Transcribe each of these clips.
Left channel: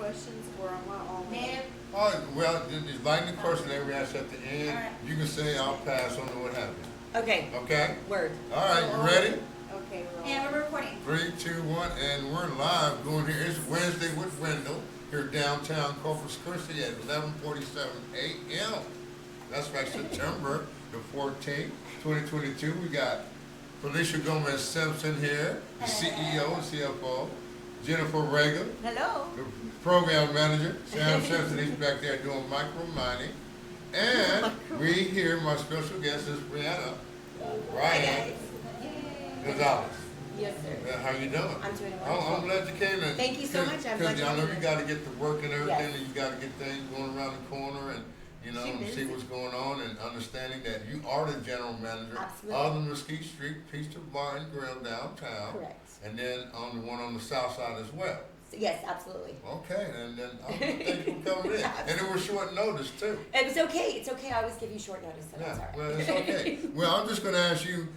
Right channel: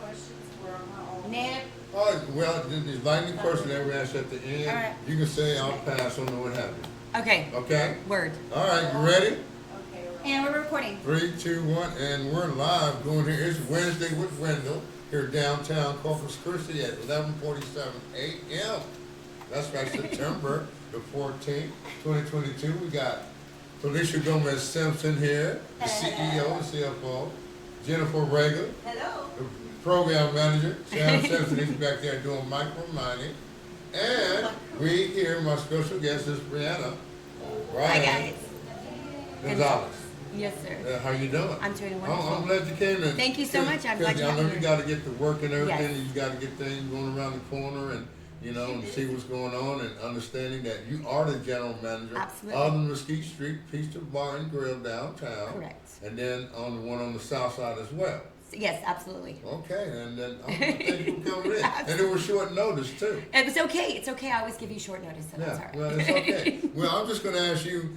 questions were on my own. Ned? All right, well, the lightning question that we ask at the end, All right. you can say I'll pass on to what happened. Okay. Okay? Word. All right, you ready? Okay, And we're recording. 3, 2, 1, and we're live going here. It's Wednesday with Wendell here downtown Corpus Christi at 11:47 a.m. That's right, September the 14th, 2022. We got Felicia Gomez Simpson here, the CEO and CFO. Jennifer Rager, hello. the program manager. Sam Simpson, he's back there doing micro mining. And we here, my special guest is Brianna Hi, guys. Gonzalez. Yes, sir. How you doing? I'm doing I'm wonderful. glad you came in. Thank you so much. I'm glad you I know came you in. got to get to work and everything, Yes. and you got to get things going around the corner, and and see what's going on, and understanding that you are the general manager Absolutely. of the Mesquite Street Pizza Bar and Grill downtown, Correct. and then on the one on the south side as well. Yes, absolutely. Okay, and then thank you for coming in, and it was short notice too. It was okay. It's okay. I always give you short notice, so that's Yeah, all right. well, it's okay. Well, I'm just going to ask you,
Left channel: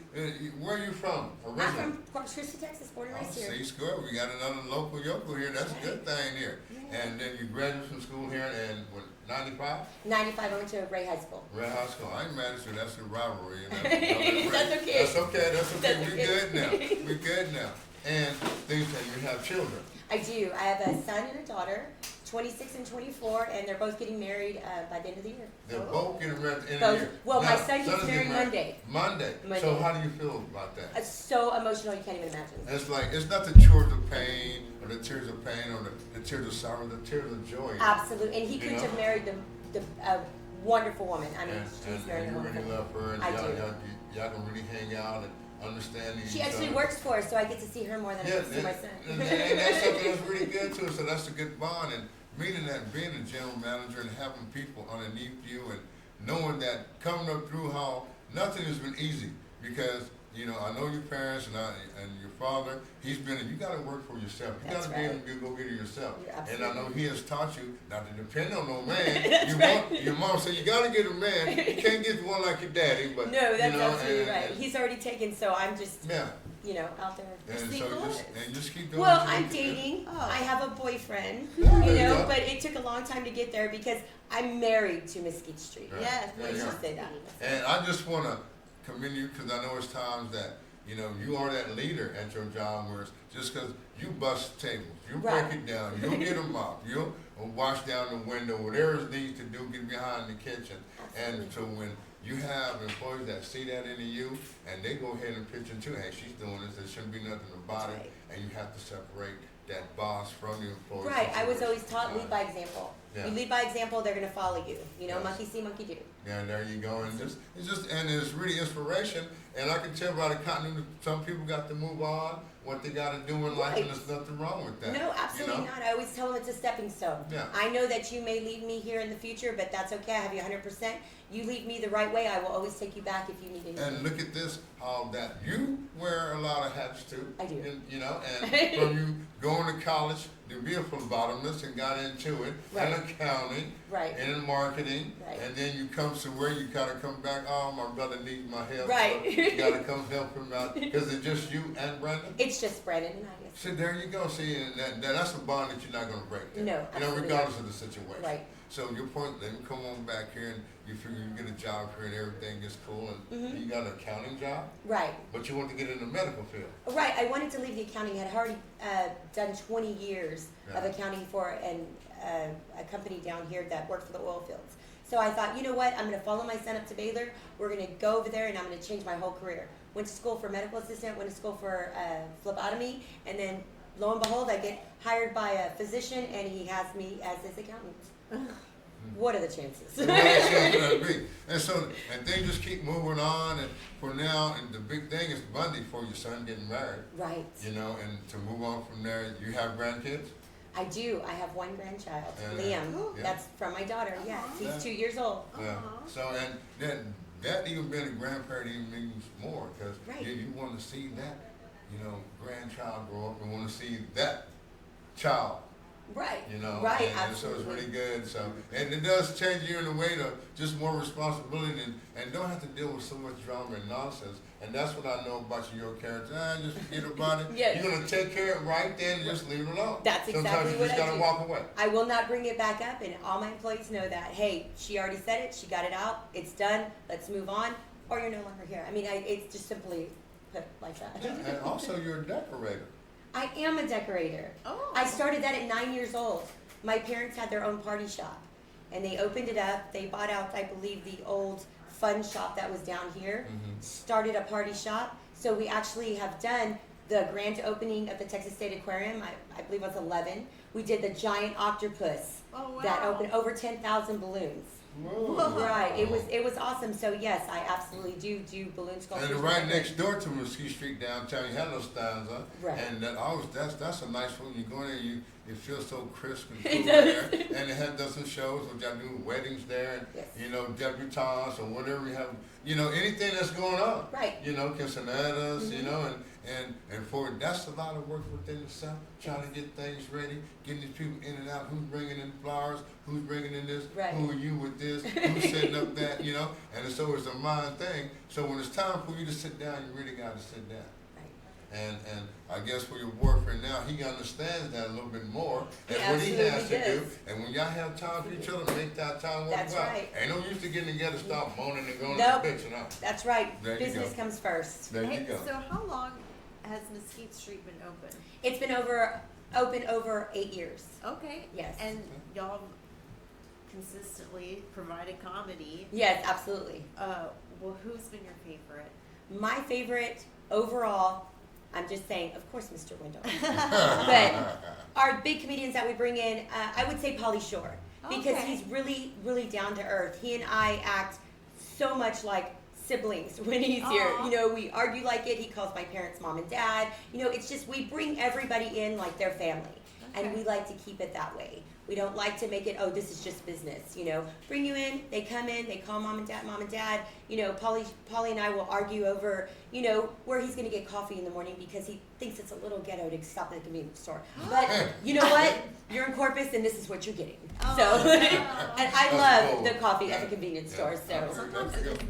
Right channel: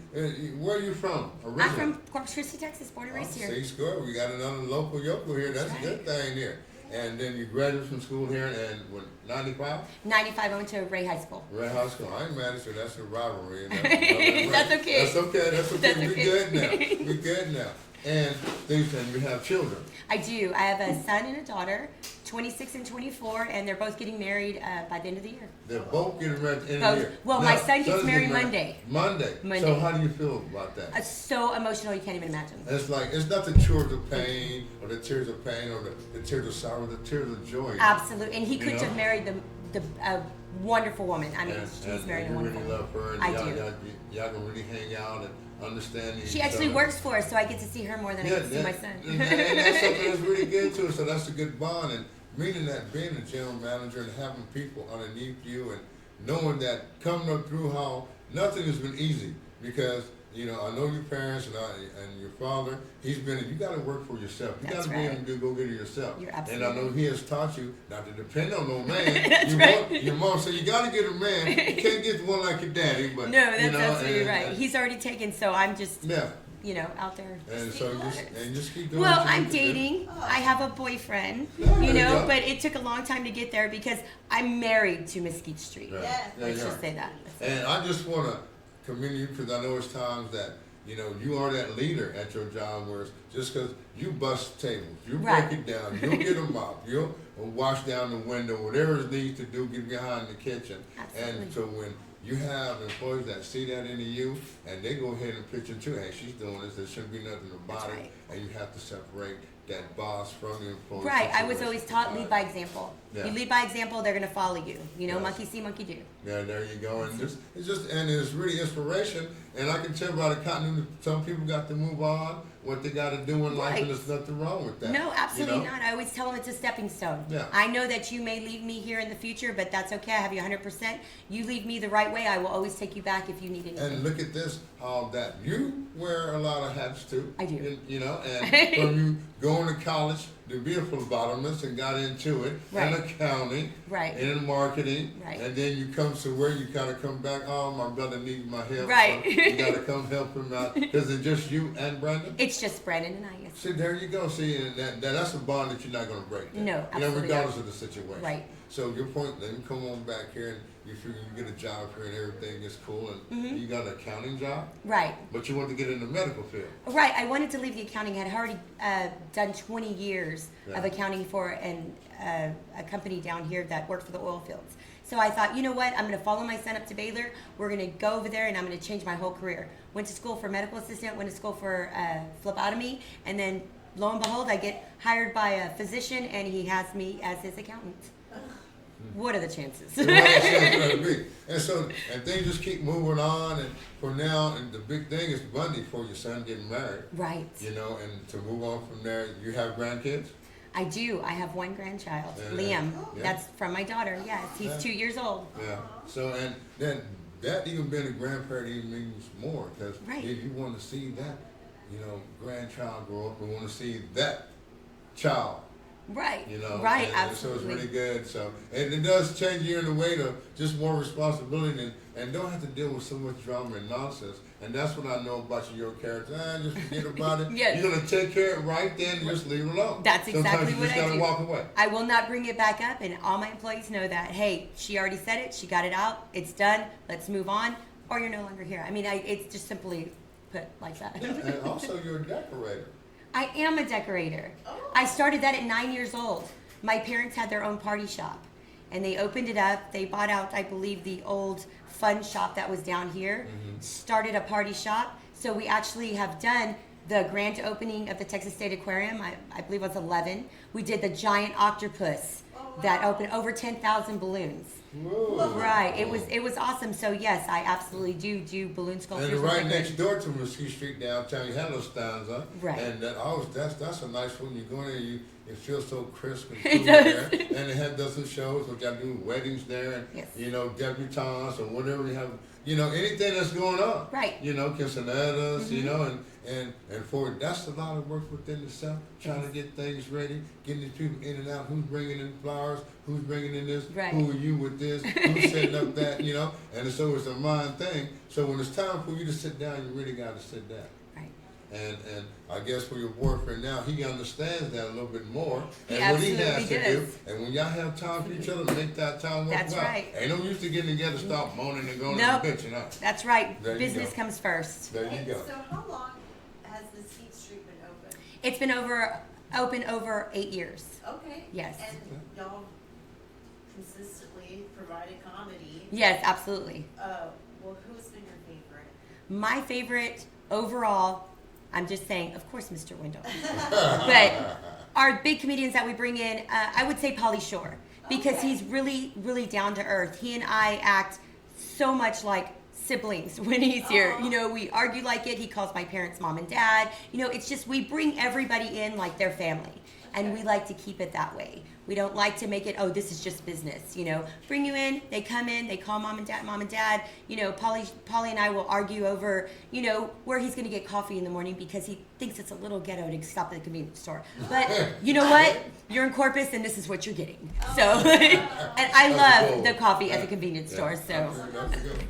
where are you from originally? I'm from Corpus Christi, Texas, born and raised here. See, score. We got another local yokel here. That's a good thing here. And then you graduated from school here in what, 95? 95, I went to Ray High School. Red High School. I ain't mad at you. That's a rivalry. And that's That's okay. That's okay. That's okay. That's We okay. good now. We good now. And things, and you have children. I do. I have a son and a daughter, 26 and 24, and they're both getting married by the end of the year. They're both getting married at the end of Both. the year. Well, my Now, son gets son's married getting Monday. Monday. So Monday. how do you feel about that? It's so emotional you can't even imagine. It's like, it's not the tears of pain, or the tears of pain, or the tears of sorrow, the tears of joy. Absolutely. And he You couldn't know? have married a wonderful woman. I mean, And she's married a you really wonderful love her, and I y'all, do. y'all can really hang out and understand each She actually other. works for us, so I get to see her more than I Yeah, get to see my son. and that's something that's really good too. So that's a good bond, and meaning that being a general manager and having people underneath you, and knowing that coming up through how nothing has been easy, because I know your parents and your father. He's been. You got to work for yourself. You got That's to be right. able to go get it yourself. You're And I know absolutely he has taught you not to depend on no man. That's right. Your mom said you got to get a man. You can't get one like your daddy, but No, that's you know, absolutely and- right. and- He's already taken, so I'm just, yeah. out there. And so just keep doing. Well, what you I'm need to do. dating. I have a boyfriend, There you go. but it took a long time to get there because I'm married to Mesquite Street. Right. Yes. There Let's you just are. say that. And I just want to commend you, because I know it's times that you are that leader at your job, where it's just because you bust tables, you Right. break it down, you'll get them up, you'll wash down the window, whatever it needs to do, get behind the kitchen. And Absolutely. so when you have employees that see that in you, and they go ahead and pitch into, hey, she's doing this, there shouldn't be nothing about That's it, right. and you have to separate that boss from your employee. Right. I was situation. always taught lead by example. Yeah. You lead by example, they're going to follow you. Yes. Monkey see, monkey do. Yeah, there you go. And it's really inspiration. And I can tell by the continuity, some people got to move on, what they got to do in life, and Right. there's nothing wrong with that. No, absolutely you know? not. I always tell them it's a stepping stone. Yeah. I know that you may leave me here in the future, but that's okay. I have you 100%. You leave me the right way, I will always take you back if you need anything. And look at this, that you wear a lot of hats too. I do. And from you going to college to be a phlebotomist and got into it, and Right. accounting, Right. and in marketing, Right. and then you come to where you kind of come back, oh, my brother needs my help. Right. So you got to come help him out. Because it's just you and Brandon? It's just Brandon and I, yes. See, there you go. See, and that's a bond that you're not going to break. Then. No, absolutely regardless of the situation. Right. So your point, let me come on back here, and you figure you get a job here, and everything is cool, and Mhm. you got an accounting job, Right. but you want to get in the medical field. Right. I wanted to leave the accounting. I had already done 20 years of Yeah. accounting for a company down here that worked for the oil fields. So I thought, you know what? I'm going to follow my son up to Baylor. We're going to go over there, and I'm going to change my whole career. Went to school for medical assistant, went to school for phlebotomy, and then lo and behold, I get hired by a physician, and he has me as his accountant. What are the chances? So what else is there to be? And so, and things just keep moving on, and for now, and the big thing is Monday for your son getting married, Right. and to move on from there, you have grandkids? I do. I have one grandchild, Yeah, Liam. yeah. That's from my daughter. Yes, he's Yeah. 2 years old. Yeah. So, and then that even being a grandparent even means more, because Right. you want to see that, grandchild grow up, and want to see that child Right. You know, Right. and so it's Absolutely. really good. So, and it does change you in a way to just more responsibility and don't have to deal with so much drama and nonsense. And that's what I know about your character. Just forget about it. Yes. You're gonna take care of it right then and just leave it alone. That's exactly Sometimes you what just I gotta do. walk away. I will not bring it back up, and all my employees know that. Hey, she already said it. She got it out. It's done. Let's move on, or you're no longer here. I mean, it's just simply put like that. Yeah, and also you're a decorator. I am a decorator. Oh. I started that at 9 years old. My parents had their own party shop, and they opened it up. They bought out, I believe, the old fun shop that was down here, Mhm. started a party shop. So we actually have done the grand opening of the Texas State Aquarium. I believe it was 11. We did the giant octopus Oh, wow. that opened over 10,000 balloons. Whoa. Right. It was awesome. So yes, I absolutely do balloon sculptures. And right decorations. next door to Mesquite Street downtown, you have those stands, huh? Right. And that's a nice food. You go in there, it feels so crisp and It cool does. there. And they have done some shows, which I do weddings there, and Yes. debutantes or whatever you have. Anything that's going on. Right. Quinceañeras, and for that's a lot of work within itself, trying to get things ready, getting these people in and out, who's bringing in flowers, who's bringing in this, Right. who are you with this, who's setting up that, and so it's a mind thing. So when it's time for you to sit down, you really got to sit down. Right. And I guess for your boyfriend now, he understands that a little bit more He and what he has absolutely to do. does. And when y'all have time for each other, make that time work That's out. right. Ain't no use to getting together, stop moaning and going Nope. and bitching out. That's right. There you Business go. comes first. There you And go. so how long has Mesquite Street been open? It's been open over 8 years. Okay. Yes. And y'all consistently provided comedy. Yes, absolutely. Well, who's been your favorite? My favorite overall, I'm just saying, of course, Mr. Wendell. But our big comedians that we bring in, I would say Pauly Shore, because Okay. he's really, really down to earth. He and I act so much like siblings when he's here. Aw. We argue like it. He calls my parents mom and dad. It's just we bring everybody in like their family, and we like to keep it that way. We don't like to make it, oh, this is just business. Bring you in, they come in, they call mom and dad. Polly and I will argue over, where he's going to get coffee in the morning because he thinks it's a little ghetto to stop at the convenience store. But you know what? You're in Corpus, and this is what you're getting. So, and I That's love cool. the coffee at the convenience store. So, That's a good one.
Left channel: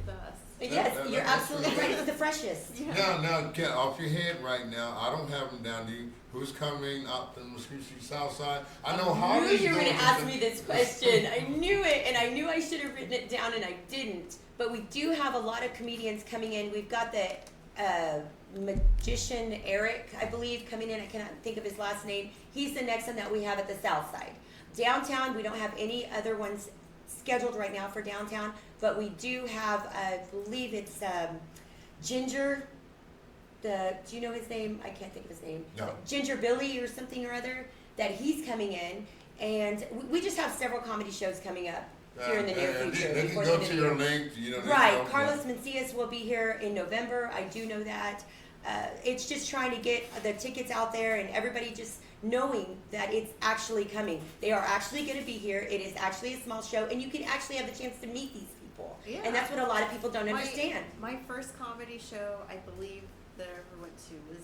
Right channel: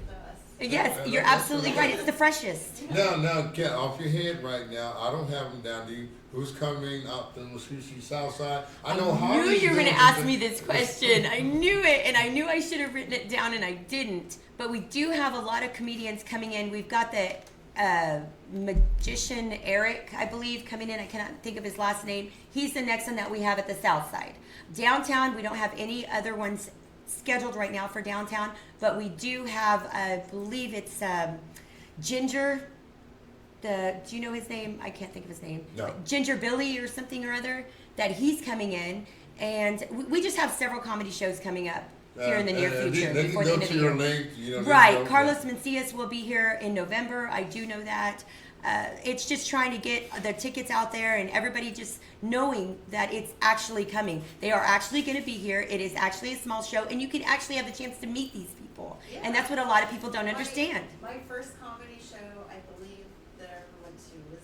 yes, That- you're that's absolutely really right. good. It's the freshest. Now, get off your head right now. I don't have them down to you. Who's coming up to the Mesquite South Side? I know I knew Harley's you were doing going to ask something. me this question. I knew it, and I knew I should have written it down, and I didn't. But we do have a lot of comedians coming in. We've got the magician Eric, I believe, coming in. I cannot think of his last name. He's the next one that we have at the South Side. Downtown, we don't have any other ones scheduled right now for downtown, but we do have, I believe it's Ginger. Do you know his name? I can't think of his name. No. Ginger Billy or something or other, that he's coming in. And we just have several comedy shows coming up here in the near future. They can before the go end of to the your year. link. They Right. go- Carlos Mencias will be here in November. I do know that. It's just trying to get the tickets out there and everybody just knowing that it's actually coming. They are actually going to be here. It is actually a small show, and you can actually have the chance to meet these people. Yeah. And that's what a lot of people don't understand. My first comedy show, I believe, that I ever went to was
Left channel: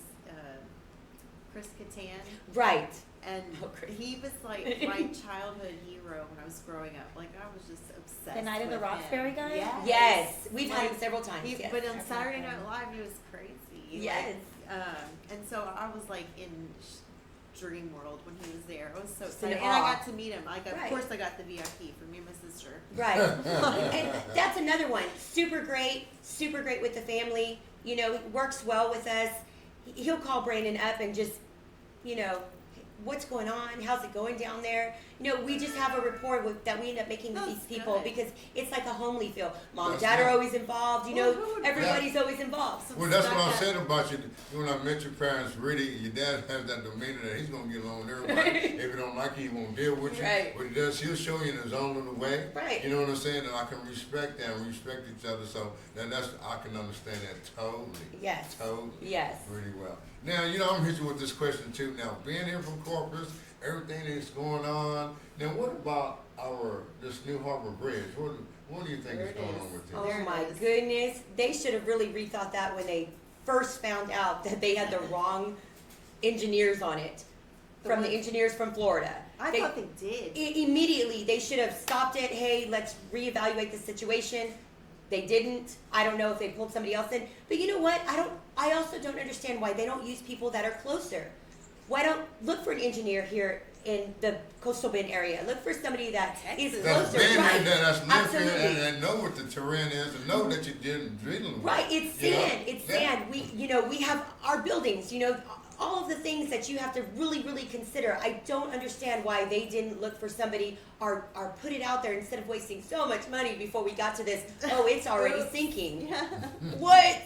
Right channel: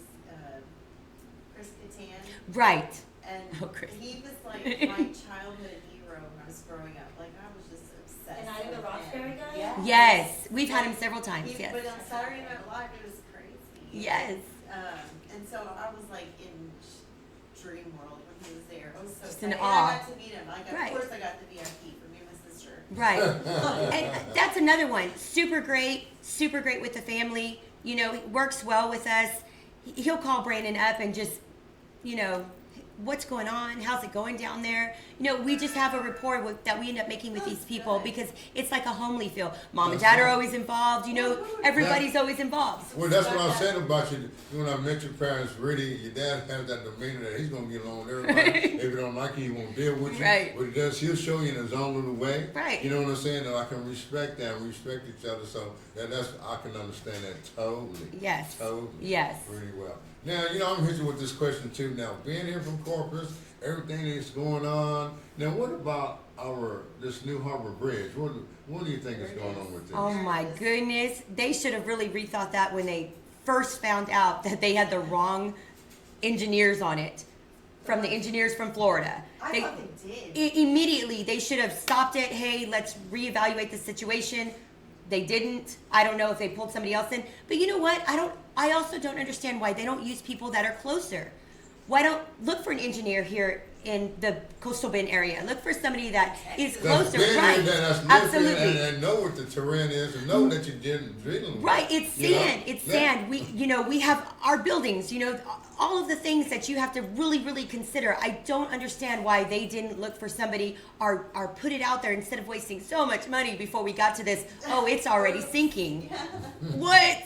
Chris Kattan. Right. And Oh, Chris. he was like my childhood hero when I was growing up. Like, I was just obsessed. The Night of the with Roxbury him. guy? Yes. Yes. We've had him several times. He- Yes. But on Saturday Night Live, it was crazy. Yes. And so I was like in dream world when he was there. It was so Just in exciting. And awe. I got to meet him. Right. Of course, I got the VIP for me and my sister. Right. And that's another one. Super great with the family. He works well with us. He'll call Brandon up and just, what's going on? How's it going down there? We just have a rapport that we end up making with these people because it's like a homely feel. Mom and That's dad are right. always involved. Everybody's always involved. Well, that's what I said about you. When I met your parents, really, your dad has that demeanor that he's gonna get along with everybody. If you don't like you, he won't deal with you. Right. What he does, he'll show you in his own little way. Right. You know what I'm saying? And I can respect that and respect each other. So that's I can understand that totally. Yes. Totally. Yes. Really well. Now, I'm hitting you with this question too. Now, being here from Corpus, everything that's going on. Now, what about this new Harbor Bridge? What do you think is going on with this? Oh my goodness. They should have really rethought that when they first found out that they had the wrong engineers on it. from the engineers from Florida. I thought they did. Immediately, they should have stopped it. Hey, let's reevaluate the situation. They didn't. I don't know if they pulled somebody else in. But you know what? I also don't understand why they don't use people that are closer. Why don't look for an engineer here in the Coastal Bend area? Look for somebody that is That's closer, been right? there, that's lived here, Absolutely. and know what the terrain is, and know that you didn't drilling with. Right, it's you know? sand. It's Yeah. sand. We have our buildings. All of the things that you have to really, really consider. I don't understand why they didn't look for somebody or put it out there instead of wasting so much money before we got to this. Oh, it's already sinking. What?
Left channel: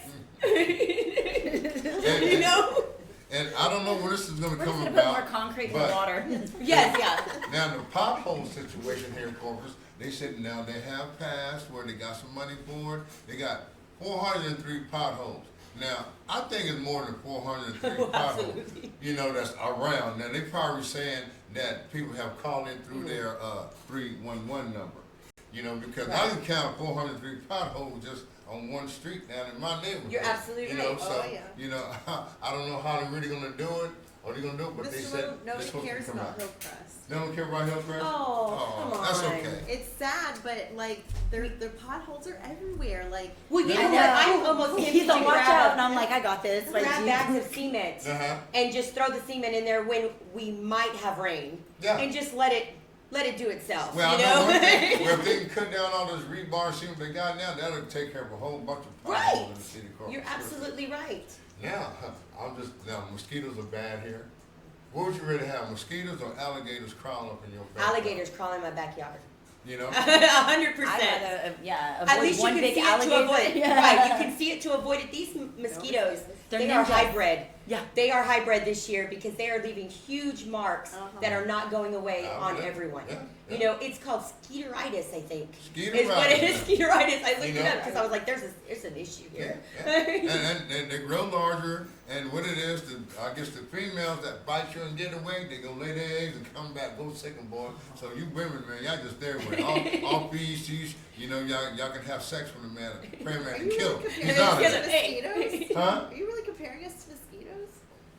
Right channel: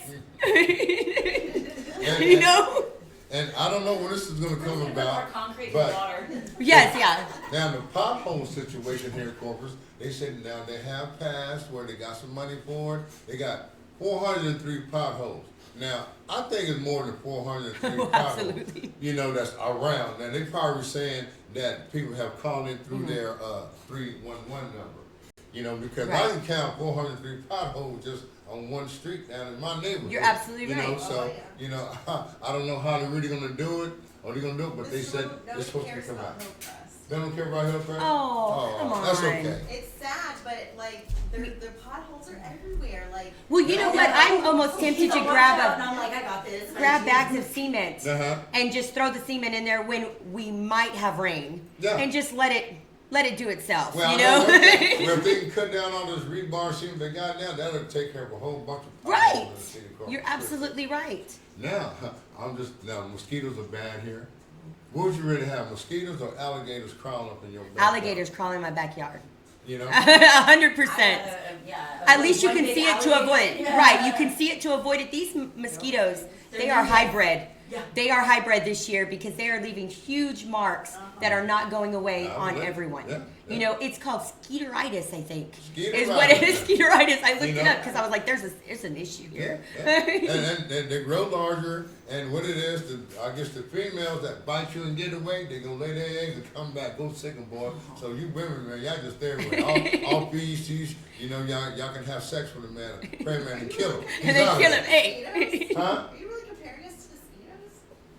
you know? And I don't know when this is gonna We're come gonna put more about. concrete in but- water. Yes, yeah. Now, the pothole situation here in Corpus, they said now they have passed where they got some money for it. They got 403 potholes. Now, I think it's more than 403 potholes, Absolutely. that's around. Now, they probably saying that people have called in through their 311 number. Because I Right. can count 403 potholes just on one street down in my neighborhood. You're absolutely right. So, Oh, I don't know how they're really gonna do it, or they're gonna do it, but they said it's supposed to come out. They don't care about Hillcrest? Oh, come That's on. okay. It's sad, but like the potholes are everywhere. Like Well, you I know know. what? I'm almost He's tempted to all watch out, and grab I'm like, I got this. Like, bags of cement Uh-huh. and just throw the cement in there when we might have rain. Yeah. And just let it do itself. Well, you I know know? one thing, well, if they can cut down all this rebar cement they got now, that'll take care of a whole bunch of Right. potholes in the city of Corpus You're Christi. absolutely right. Now, mosquitoes are bad here. What would you rather have, mosquitoes or alligators crawling up in your backyard? Alligators crawling in my backyard. 100%. Yeah. At avoid least you one can big see it to alligator. avoid it. Yeah. Right, you can see it to avoid it. These mosquitoes, They're they are ninjas. hybrid. Yeah. They are hybrid this year because they are leaving huge marks that are not going away Yeah, on yeah, everyone. yeah. It's called skeeteritis, I think. Skeeteritis, Is what it is, yeah. skeeteritis. I looked You it know? up because I was like, there's an issue Yeah, here. yeah. and they grow larger, and what it is, I guess the females that bite you and get away, they gonna lay their eggs and come back, go sick 'em, boy. So you women, man, y'all just there with it. all species, y'all can have sex with a man, pray man, and kill him. And then kill him. mosquitoes. Hey. Huh? Are you really comparing us to mosquitoes?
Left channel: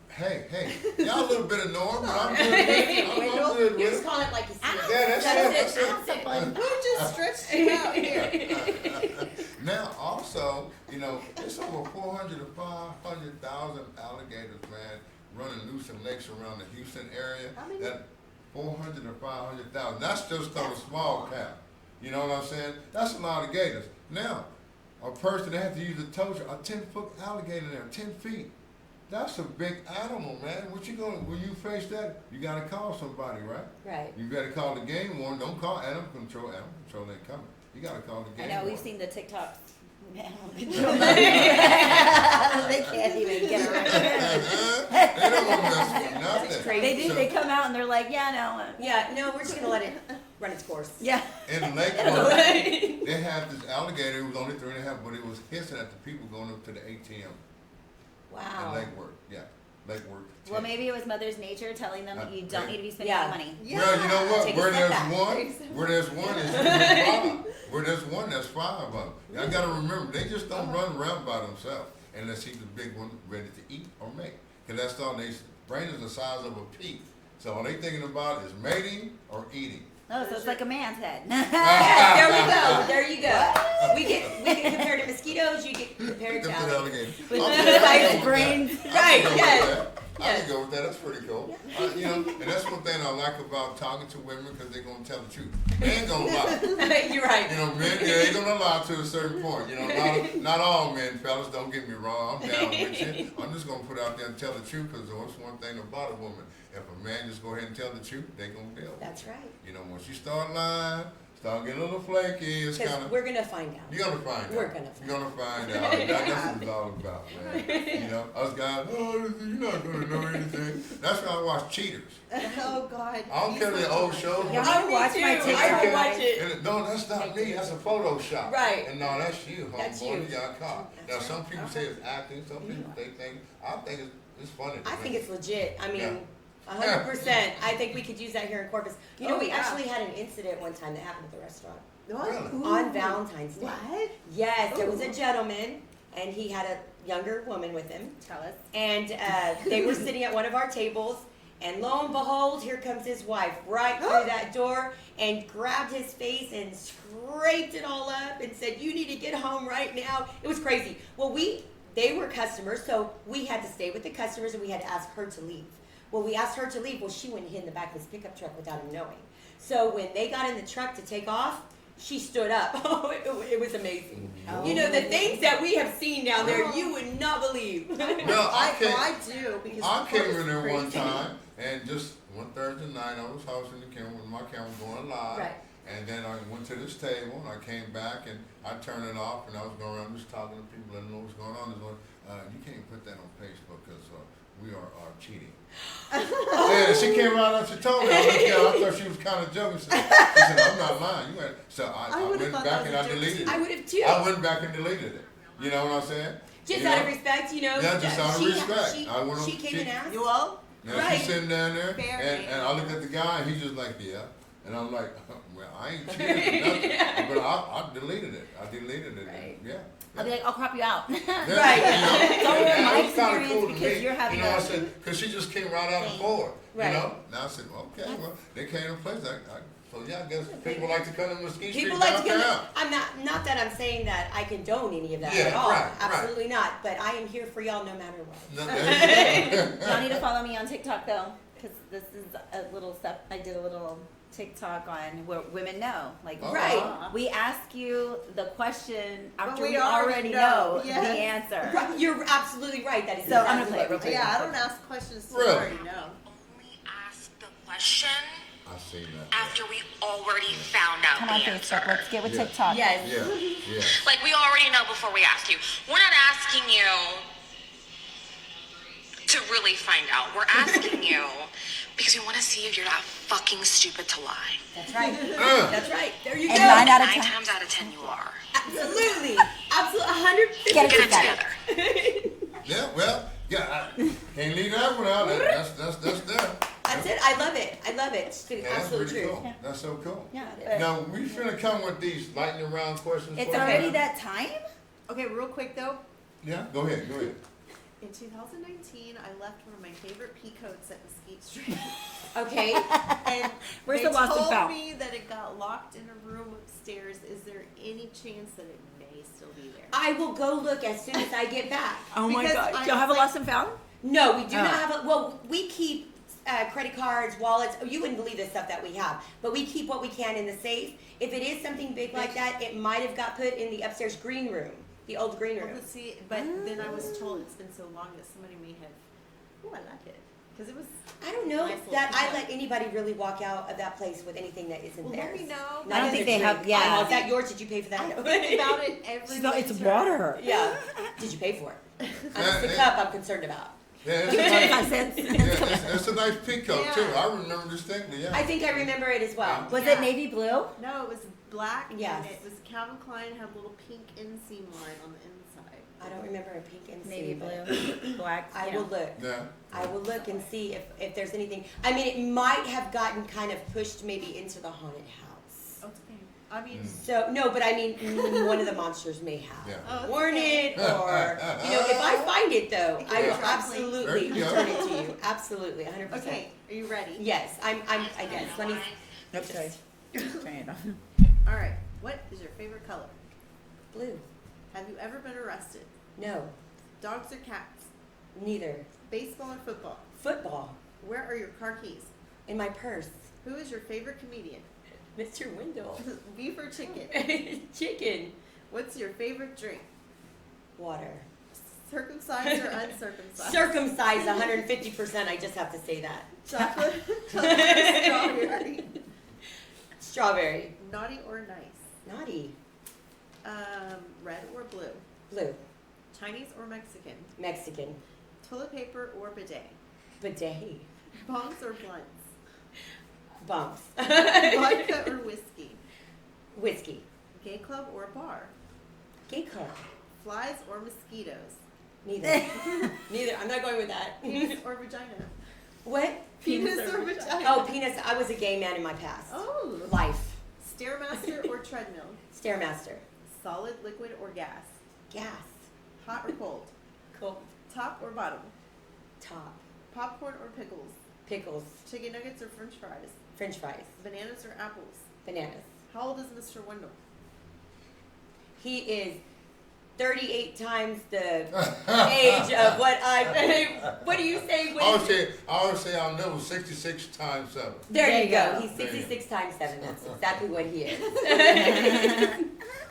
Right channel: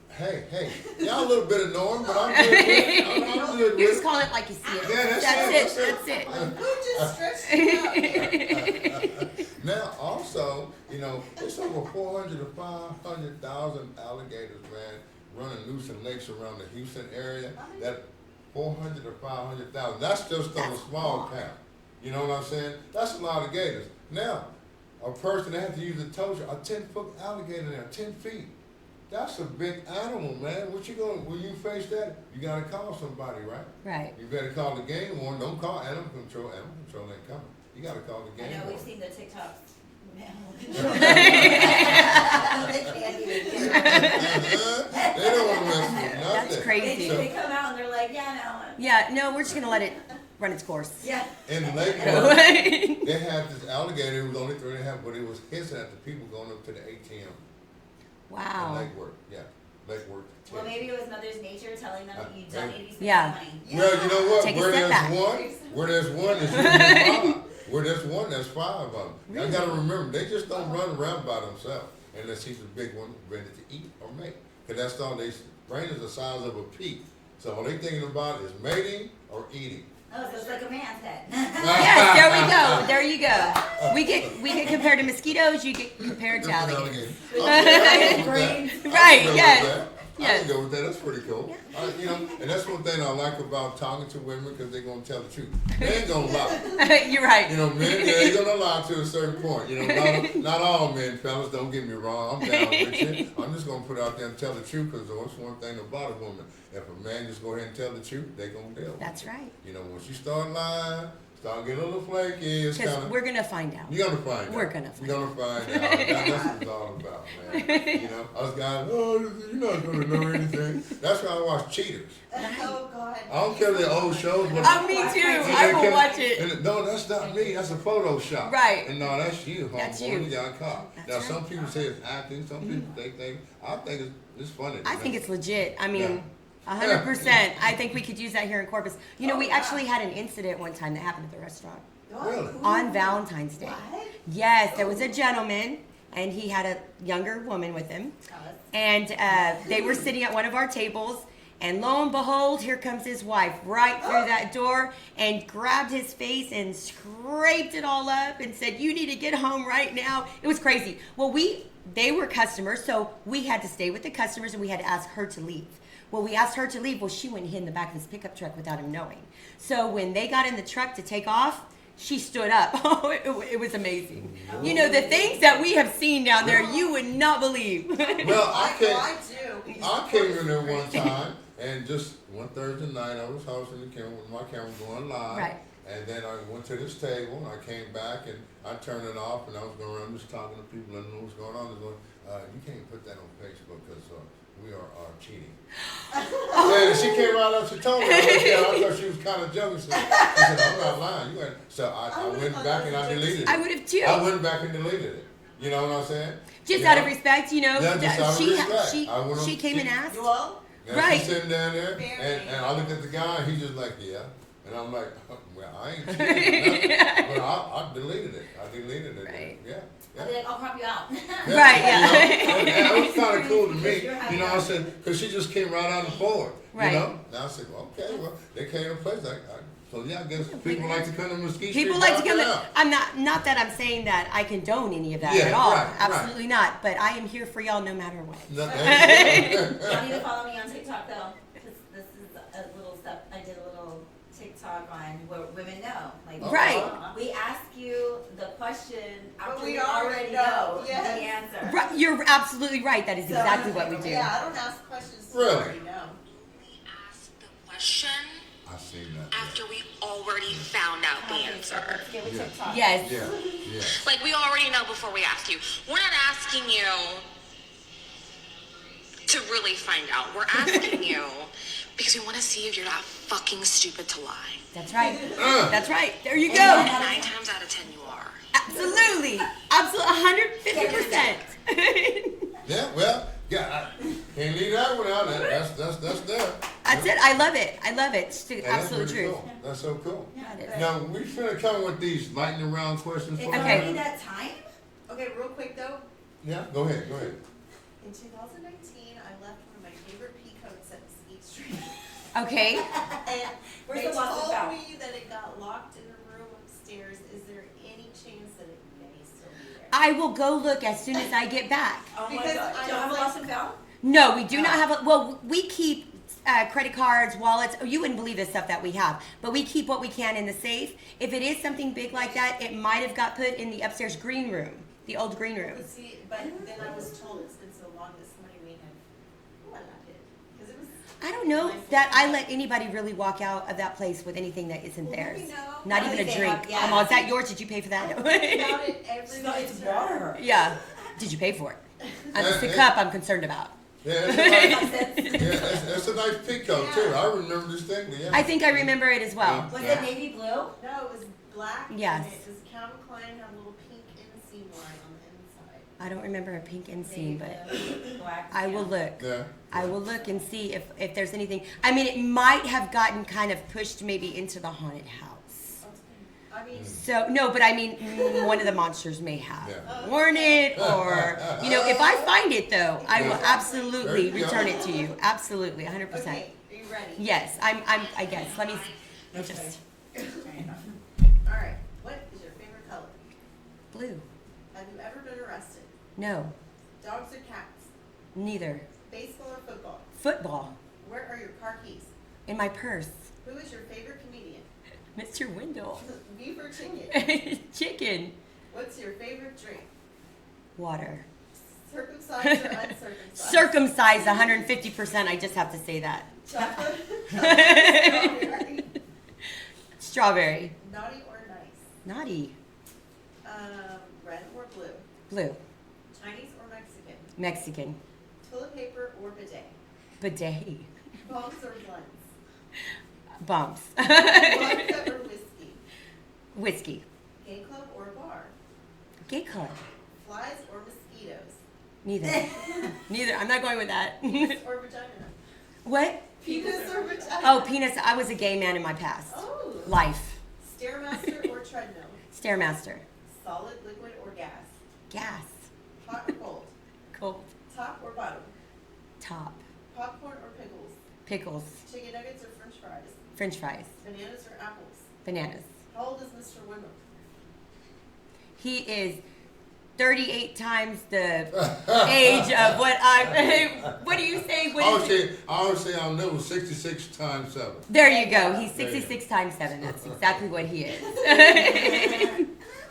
Hey, y'all a little bit annoying, but I'm good with it. I'm good You with just it. call it like you see it. Yeah, that's it. That's it. Who just stretched it out here? Now, also, it's over 400 to 500,000 alligators, man, running loose in lakes around the Houston area. That 400 to 500,000. That's just on a small cap. You know what I'm saying? That's a lot of gators. Now, a person that has to use a tow truck, a 10-foot alligator there, 10 feet. That's a big animal, man. When you face that, you gotta call somebody, right? Right. You better call the game warden. Don't call animal control. Animal control ain't coming. You gotta call the I game know, we've warden. seen the TikToks. They can't even get around. They don't want to mess with That's nothing. crazy. They do, So- they come out and they're like, yeah, no. Yeah, no, we're just going to let it run its course. Yeah. In Lake Worth, they had this alligator. It was only 3.5, but it was hissing at the people going up to the ATM in Wow. Lake Worth. Yeah, Lake Worth. Well, maybe it was Mother's Nature telling them that you don't need to be spending Yeah. money. Well, you know what? Take a Where step there's back. one is usually five. Where there's one, there's five of them. Y'all gotta remember, they just don't run around by themselves unless he's a big one ready to eat or mate. Cause that's all they brain is the size of a pea. So all they thinking about is mating or eating. Oh, so it's like a man's head. Yes, there we go. There you go. We get compared to mosquitoes, you get compared to That's an alligators. alligator. Right, I can go with that. right, I can go yes, with that. I yes. can go with that. That's pretty cool. And that's one thing I like about talking to women because they're gonna tell the truth. They ain't gonna lie. You're right. Men, they ain't gonna lie to a certain point. Not all men, fellas, don't get me wrong. I'm down with you. I'm just gonna put out there and tell the truth because that's one thing about a woman. If a man just go ahead and tell the truth, they gonna deal with it. That's right. Once you start lying, start getting a little flaky, it's Because kind of. we're going to find out. You're gonna find out. We're gonna You're gonna find out. That's what it's all about, man. Us guys, you're not gonna know anything. That's why I watch Cheaters. Oh God. I don't care the old shows. Yeah, Oh, me Watch too. my TV. I will watch it. And no, that's not me. That's a Photoshop. Right. And no, that's you, That's homeboy. you. You got caught. Now, That's some right. people say it's acting. Some people I think it's funny. to I me. think it's legit. I mean, Yeah. 100%. I think we could use that here in Corpus. We Oh, yeah. actually had an incident one time that happened at the restaurant. Really? On Valentine's Day. What? Yes, there was a gentleman, and he had a younger woman with him. Tell us. And they were sitting at one of our tables, And lo and behold, here comes his wife right through that door and grabbed his face and scraped it all up and said, "You need to get home right now." It was crazy. Well, they were customers, so we had to stay with the customers and we had to ask her to leave. Well, we asked her to leave. Well, she went and hid in the back of this pickup truck without him knowing. So when they got in the truck to take off, she stood up. Oh, it was amazing. Oh. You know, the things that we have seen down there, you would not believe. Well, I do. Because I came in there it's one crazy. time and just one Thursday night I was hosting the camera with my camera going live. Right. And then I went to this table and I came back and I turned it off and I was going around just talking to people and know what's going on. You can't put that on Facebook because we are cheating. And she came right up and told me. I thought she was kind of joking. She said, "I'm not lying. You ain't." So I would've went thought back that and was I a joke. deleted I it. would have too. I went back and deleted it. You know what I'm saying? Just You out know? of respect, you know. Yeah, just out of she, respect. She, I went on- she came and asked. You all? Yeah, Right. she's sitting down there, Very. and I look at the guy, and he's just like, "Yeah," and I'm like, "Well, I ain't cheating, nothing. But I deleted it. I deleted it. Right. Yeah. I'll be like, I'll crop you out. Yeah, Right, you yeah. know, and it was kind of cool to Because me. you're having You know, I a- said, because she just came right out of forward. Right. You know, now I said, well, okay, well, they came to place. So yeah, I guess people like to come to Mesquite Street People like to downtown. come. I'm not that I'm saying that I condone any of that Yeah, at all. right, right. Absolutely not. But I am here for y'all no matter what. No, that's- Y'all need to follow me on TikTok though, because this is a little stuff. I did a little TikTok on where women know. Like, Right. we ask you the question after we we already already know. know Yes. the answer. Right, you're absolutely right. That is So, exactly I'm what like, we do. Yeah, I don't ask questions. to Really? already know. Ask the question I seen that. after we already found out. Come on, the Facebook. answer. Let's get with Yeah. TikTok. Yes. Yeah, yes. Like we already know before we ask you. We're not asking you to really find out. We're asking you because we want to see if you're not fucking stupid to lie. That's right. That's right. There you And go. 9 out of 9 10. times out of 10 you are. Absolutely. Absolutely. 150. Get it Get it together. Yeah, well, yeah, I can't leave that one out. That's there. That's it. I love it. I love it. It's Yeah, that's absolute pretty truth. cool. That's so cool. Yeah. Now, we finna come with these lightning round questions It's for you. already that time? Okay, real quick though. Yeah, go ahead. In 2019, I left one of my favorite peacoats at Mesquite Street. Okay. And Where's they the lost and told found? me that it got locked in a room upstairs. Is there any chance that it may still be there? I will go look as soon as I get back. Oh my Because god. I Do you have a was lost and found? No, we do Oh. not have a. Well, we keep credit cards, wallets. Oh, you wouldn't believe the stuff that we have, but we keep what we can in the safe. If it is something big like that, it might have got put in the upstairs green room, the old green room. But see, but then I was told it's been so long that somebody may have. Oh, I like it because it was. I don't know Nice that little- I let anybody really walk out of that place with anything that isn't Well, let theirs. me know. I Not don't even think a they drink. have- yeah. Oh, is that yours? Did you pay for I that? think about it every It's winter. water. Yeah. Did you pay for it? It's the Hey. cup I'm concerned about. Yeah, it's a nice, I said, yeah, it's a nice peacoat too. I remember distinctly. Yeah. I think I remember it as well. was Yeah. it navy blue? No, it was black. Yes. And it was Calvin Klein had a little pink inseam line on the inside. I don't remember a pink Navy inseam, but blue, black. I you will know. look. Yeah. I will look and see if there's anything. I mean, it might have gotten kind of pushed maybe into the haunted house. I mean, So no, but I mean, one of the monsters may have Yeah. worn it, or if I find it though, I will Yeah. There absolutely you go. return it to you. Absolutely, 100%. okay, are you ready? Yes, I guess. Let me. Okay. All right. What is your favorite color? Blue. Have you ever been arrested? No, Dogs or cats? neither. Baseball or football? Football Where are your car keys? in my purse. Who is your favorite comedian? Mr. Wendell. Beef or chicken? Chicken. What's your favorite drink? Water. Circumcised or uncircumcised? Circumcised 150%. I just have to say that. Chocolate, strawberry, Strawberry. naughty or nice? Naughty. Red or blue? Blue. Chinese or Mexican? Mexican. Toilet paper or bidet? Bidet. Bombs or blunts? Bumps. Vodka or whiskey? Whiskey. Gay club or bar? Gay club. Flies or mosquitoes? Neither. Neither. I'm not going with that. Penis or vagina? What? Penis or vagina? Oh, penis. I was a gay man in my past. Oh. Life. Stairmaster or treadmill? Stairmaster. Solid, liquid, or gas? Gas. Hot or cold? Cool. Top or bottom? Top. Popcorn or pickles? pickles, Chicken nuggets or french fries? french fries, Bananas or apples? bananas. How old is Mr. Wendell? He is 38 times the age of what I. What do you say? What is it? I always say I'll live 66 times 7. There you go. He's There you 66 times 7. That's exactly what he is.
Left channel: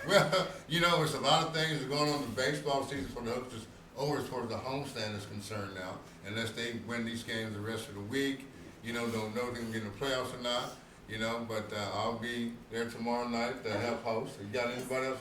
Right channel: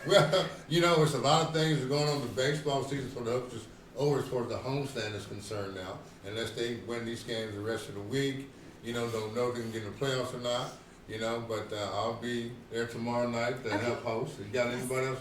Well, you know, there's a lot of things that are going on. The baseball season for the Hooks is over as far as the homestand is concerned now. Unless they win these games the rest of the week, you know, don't know if they can get in the playoffs or not. You know, but I'll be there tomorrow night to help host. You got anybody else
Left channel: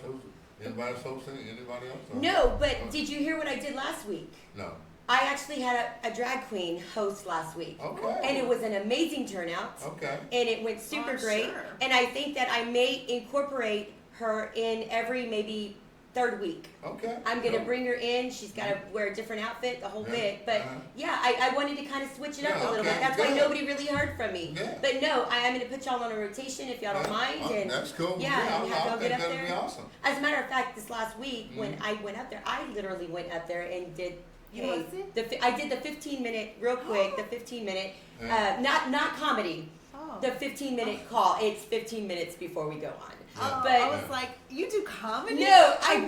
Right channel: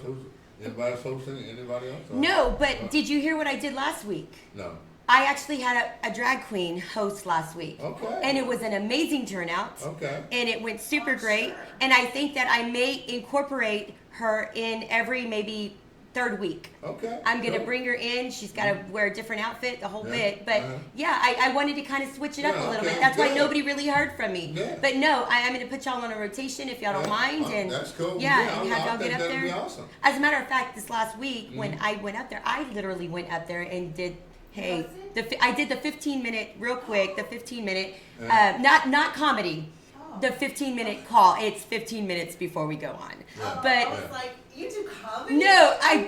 hosting? Anybody else? Or- No, but did you hear what I did last week? No. I actually had a drag queen host last week. Okay. And it was an amazing turnout. Okay. And it went super Oh, great. sure. And I think that I may incorporate her in every maybe third week. Okay. I'm gonna Cool. bring her in. She's got to wear a different outfit, the whole Yeah, bit. But uh-huh. yeah, I wanted to kind of switch it up Yeah, a little okay, bit. That's why good. nobody really heard from me. Yeah. But no, I'm gonna put y'all on a rotation if y'all don't Yeah. mind. Oh, And that's cool. Yeah, I have y'all think get up that'd be there. awesome. As a matter of fact, this last week when Mhm. I went up there, I literally went up there and did. Hey, Was it? I did the 15-minute real quick. The 15-minute, Yeah. not comedy. Oh. The 15-minute call. It's 15 minutes before we go on. Yeah. But- I was like, you do comedy? No, I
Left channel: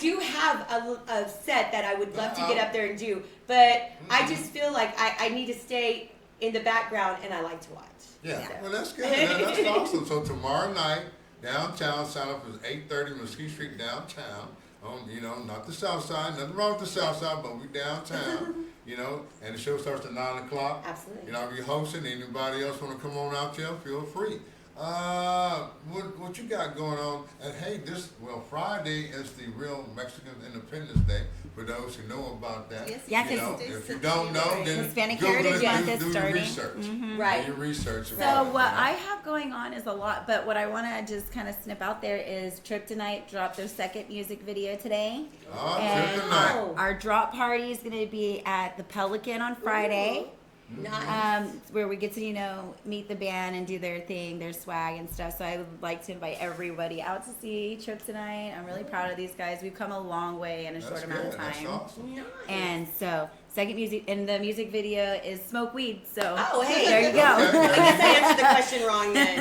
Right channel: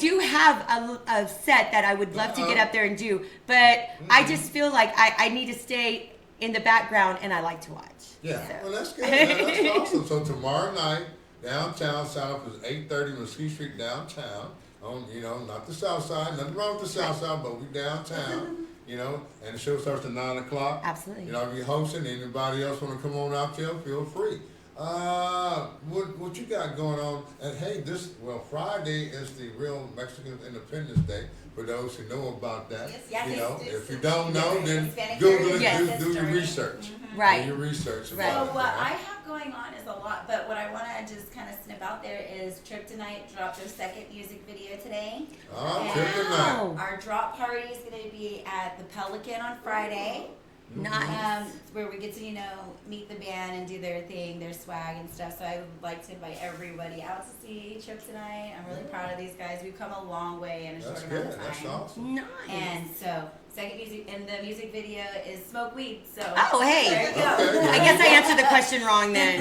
do have a set that I would love to get up there and do, but I just feel like I need to stay in the background and I like to watch. Yeah, So. well, that's good. That's awesome. So tomorrow night, downtown, sign up is 8:30 Mesquite Street downtown. You know, not the south side. Nothing wrong with the south side, but we downtown. You know, and the show starts at 9 o'clock. Absolutely. You know, I'll be hosting. Anybody else want to come on out there? Feel free. What you got going on? And hey, Friday is the real Mexican Independence Day. For those who know about that, Yeah, you know, 'cause if you don't know, then Hispanic Google Heritage it. Month is Do your starting. research. Right. Do your research. So about it, what you know? I have going on is a lot, but what I want to just kind of snip out there is Kryptonite dropped their second music video today. Trip And tonight. our drop party is going to be at the Pelican on Friday. Nice. Where we get to, meet the band and do their thing, their swag and stuff. So I would like to invite everybody out to see Trip tonight. I'm really proud of these guys. We've come a long way in a That's short amount good. of time. That's awesome. Nice. And so, second music, and the music video is Smoke Weed. So, Oh, hey. there you go. Okay. I guess I answered the question wrong then.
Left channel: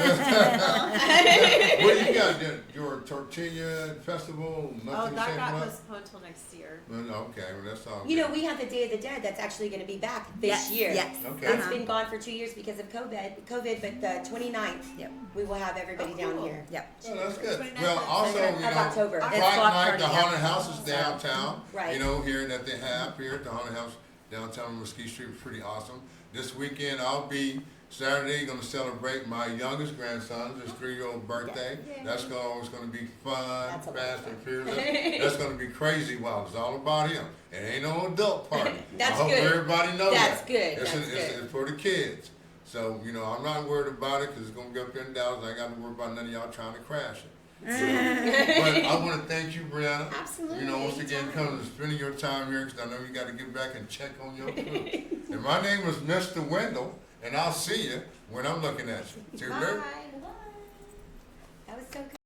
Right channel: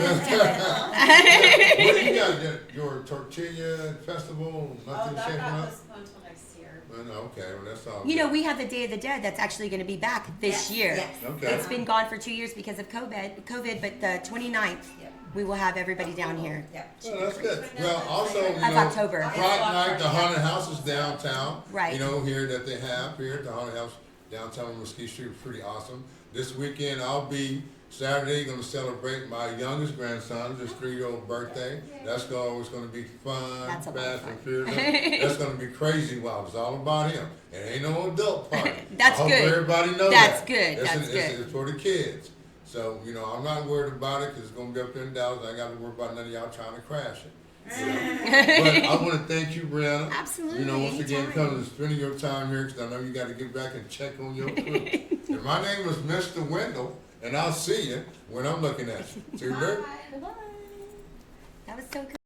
What you got? Your tortilla festival? Oh, Nothing that shaping got up? postponed till next year. Okay, well that's all. You good. know, we have the Day of the Dead that's actually going to be back this Yes, year. yes. Okay. It's been gone for 2 years because of COVID, but the 29th, Yep. we will have everybody down here. Yep. Oh, that's good. Well, also, you Of know, October. It's Friday block night, the party, yeah. haunted house is downtown. Right. You know, here that they have here at the haunted house downtown on Mesquite Street, pretty awesome. This weekend, I'll be Saturday going to celebrate my youngest grandson's 3-year-old birthday. That's always going to be fun, That's a lot of fast fun. and fearless. That's going to be crazy wild. It's all about him. It ain't no adult party. That's I hope good. everybody knows That's that. good. It's, That's good. It's for the kids. So, you know, I'm not worried about it because it's going to be up there in Dallas. I ain't got to worry about none of y'all trying to crash it. You know? But I want to thank you, Brianna. Absolutely. You know, once again, anytime. coming and spending your time here because I know you got to get back and check on your crew. And my name is Mr. Wendell, and I'll see you when I'm looking at you. See you later. Bye-bye. That was so good.